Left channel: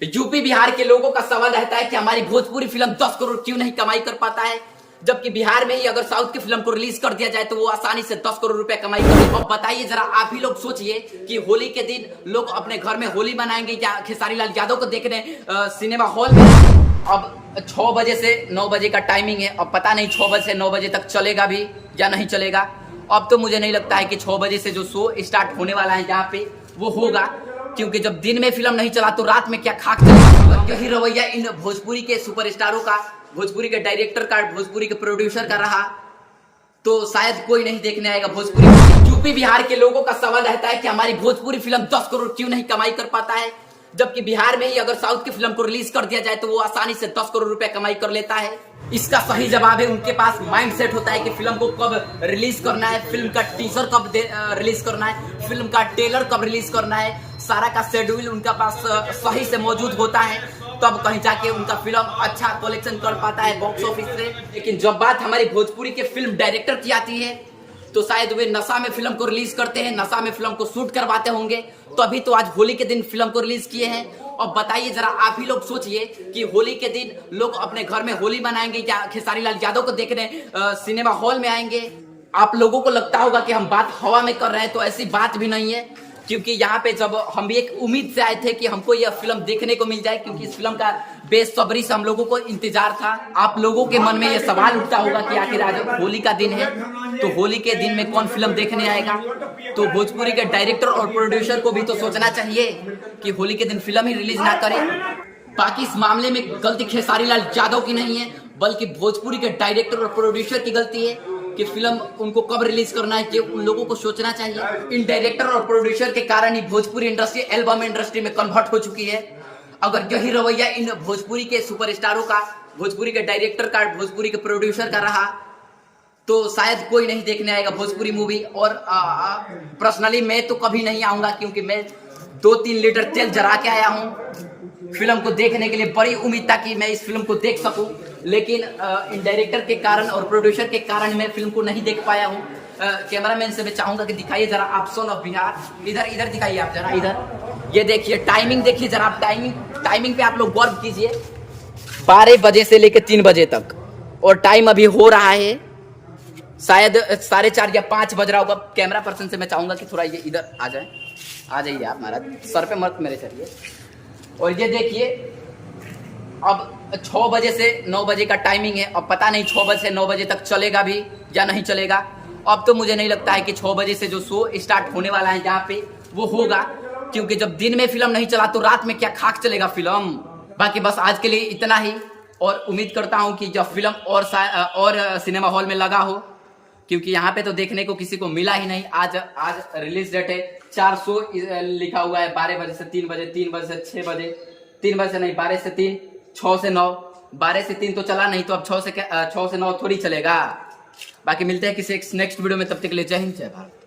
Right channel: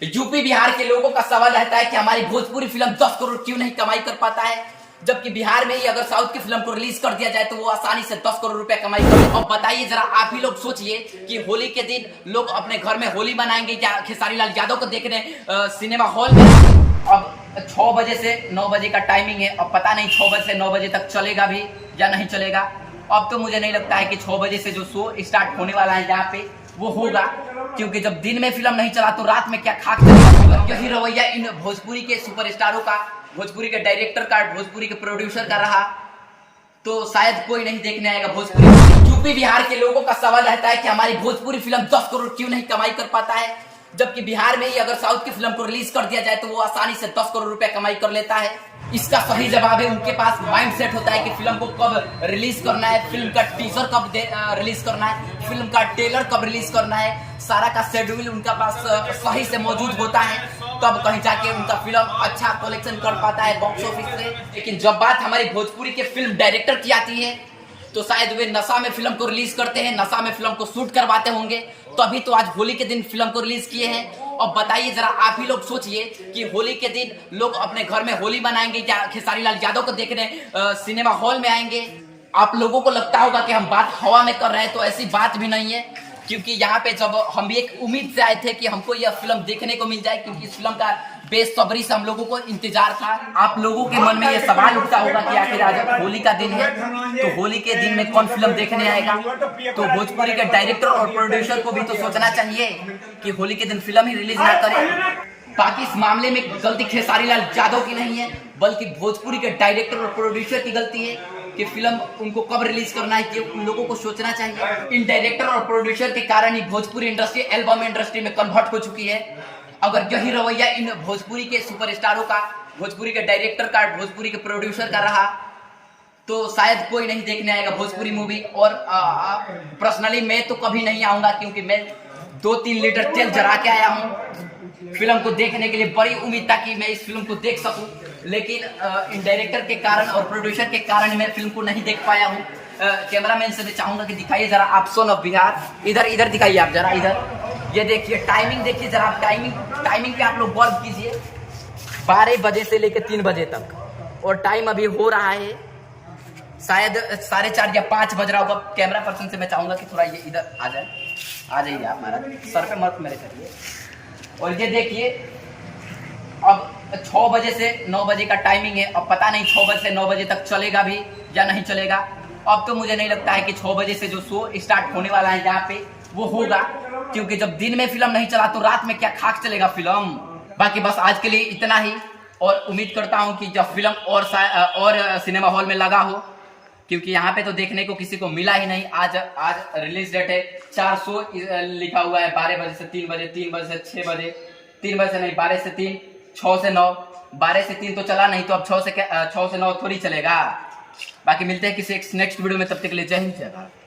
UP Bihar के लोगों का सवाल रहता है कि हमारी भोजपुरी फिल्म 10 करोड़ क्यों नहीं कमाई कर पाता है, जबकि बिहार में ही अगर साउथ की फिल्म को रिलीज कर दिया जाए तो वो आसानी से 10 करोड़ रुपए कमाई कर। अब बताइए जरा, आप ही लोग सोचिए कि होली के दिन लोग अपने घर में होली मनाएंगे या खेसारी लाल यादव को देखने सिनेमा हॉल में। अब 6 बजे से 9 बजे का टाइमिंग है, अब पता नहीं 6 बजे से 9 बजे तक चलेगा भी या नहीं चलेगा। अब तो मुझे नहीं लगता है कि 6 बजे से जो शो स्टार्ट होने वाला है यहाँ पे वो होगा, क्योंकि जब दिन में फिल्म नहीं चला तो रात में क्या खाक चला। यही रवैया इन भोजपुरी के सुपरस्टारों का, भोजपुरी के डायरेक्टर का, भोजपुरी के प्रोड्यूसर का रहा तो शायद कोई नहीं देखने आएगा भोजपुरी। यूपी बिहार के लोगों का सवाल रहता है कि हमारी भोजपुरी फिल्म 10 करोड़ क्यों नहीं कमाई कर पाता है, जबकि बिहार में ही अगर साउथ की फिल्म को रिलीज कर दिया जाए तो वो आसानी से 10 करोड़ रुपए कमाई कर लेता है। इसका सही जवाब है, उनके पास माइंड सेट होता है कि फिल्म को कब रिलीज करना है, फिल्म का टीजर कब रिलीज करना है, फिल्म का ट्रेलर कब रिलीज करना है। सारा का शेड्यूल उनका पास सही से मौजूद होता है, तब कहीं जाके उनका फिल्म अच्छा कलेक्शन कर पाता है बॉक्स ऑफिस से। लेकिन जब बात हमारी भोजपुरी के फिल्म डायरेक्टर की आती है तो शायद वे नशा में फिल्म को रिलीज करते हैं, नशा में फिल्म को शूट करवाते होंगे, तभी तो आज होली के दिन फिल्म को रिलीज किए हैं। और बताइए जरा, आप ही लोग सोचिए कि होली के दिन लोग अपने घर में होली मनाएंगे या खेसारी लाल यादव को देखने सिनेमा हॉल में आएंगे। आप लोगों को लगता होगा कि हम बात हवा में कर रहे हैं, तो ऐसी बात भी नहीं है, क्योंकि यहाँ पे जब हम भी एक उम्मीद से आए थे कि हमको यह फिल्म देखने को मिल जाए, क्योंकि इस फिल्म का बेसब्री से हम लोगों को इंतजार था। आप लोगों के मन में यह सवाल उठता होगा कि आखिर आज होली का दिन है तो होली के दिन में कौन फिल्म देखने आएगा। तो भोजपुरी के डायरेक्टर और प्रोड्यूसर को भी तो सोचना चाहिए कि होली के दिन फिल्म ही रिलीज ना करें। बाकी इस मामले में गलती खेसारी लाल यादव की नहीं है, बल्कि भोजपुरी के डायरेक्टर और प्रोड्यूसर की गलती है कि फिल्म उनको कब रिलीज करना है कि उन लोगों को सोचना चाहिए। इन डायरेक्टर और प्रोड्यूसर के कारण ही भोजपुरी इंडस्ट्री एल्बम इंडस्ट्री में कन्वर्ट हो चुकी है। अगर यही रवैया इन भोजपुरी के सुपरस्टारों का, भोजपुरी के डायरेक्टर का, भोजपुरी के प्रोड्यूसर का रहा तो शायद कोई नहीं देखने आएगा भोजपुरी मूवी। और पर्सनली मैं तो कभी नहीं आऊंगा, क्योंकि मैं 2-3 लीटर तेल जरा के आया हूँ फिल्म को देखने के लिए। बड़ी उम्मीद था कि मैं इस फिल्म को देख सकूं, लेकिन इन डायरेक्टर के कारण और प्रोड्यूसर के कारण मैं फिल्म को नहीं देख पाया हूँ। कैमरामैन से मैं चाहूंगा कि दिखाइए जरा आप सन ऑफ बिहार, इधर दिखाइए आप जरा, इधर ये देखिए, टाइमिंग देखिए जरा आप, टाइमिंग पे आप लोग गौर कीजिए। 12 बजे से लेकर 3 बजे तक, और टाइम अभी हो रहा है शायद 4:30 या 5 बज रहा होगा। कैमरा पर्सन से मैं चाहूंगा कि थोड़ा ये इधर आ जाइए आप, महाराज सर पे मत मेरे करिए। और ये देखिए, अब 6 बजे से 9 बजे का टाइमिंग है, अब पता नहीं 6 बजे से 9 बजे तक चलेगा भी या नहीं चलेगा। अब तो मुझे नहीं लगता है कि 6 बजे से जो शो स्टार्ट होने वाला है यहाँ पे वो होगा, क्योंकि जब दिन में फिल्म नहीं चला तो रात में क्या खाक चलेगा फिल्म। बाकी बस आज के लिए इतना ही, और उम्मीद करता हूँ कि जब फिल्म और सिनेमा हॉल में लगा हो, क्योंकि यहाँ पे तो देखने को किसी को मिला ही नहीं। आज रिलीज डेट है, 400 लिखा हुआ है, 12 बजे से 3 बजे, 3 बजे से 6 बजे, 3 बजे से नहीं 12 से 3, 6 से 9, 12 से 3 तो चला नहीं, तो अब 6 से 9 थोड़ी चलेगा। बाकी मिलते हैं किसी नेक्स्ट वीडियो में, तब तक के लिए जय हिंद जय भारत।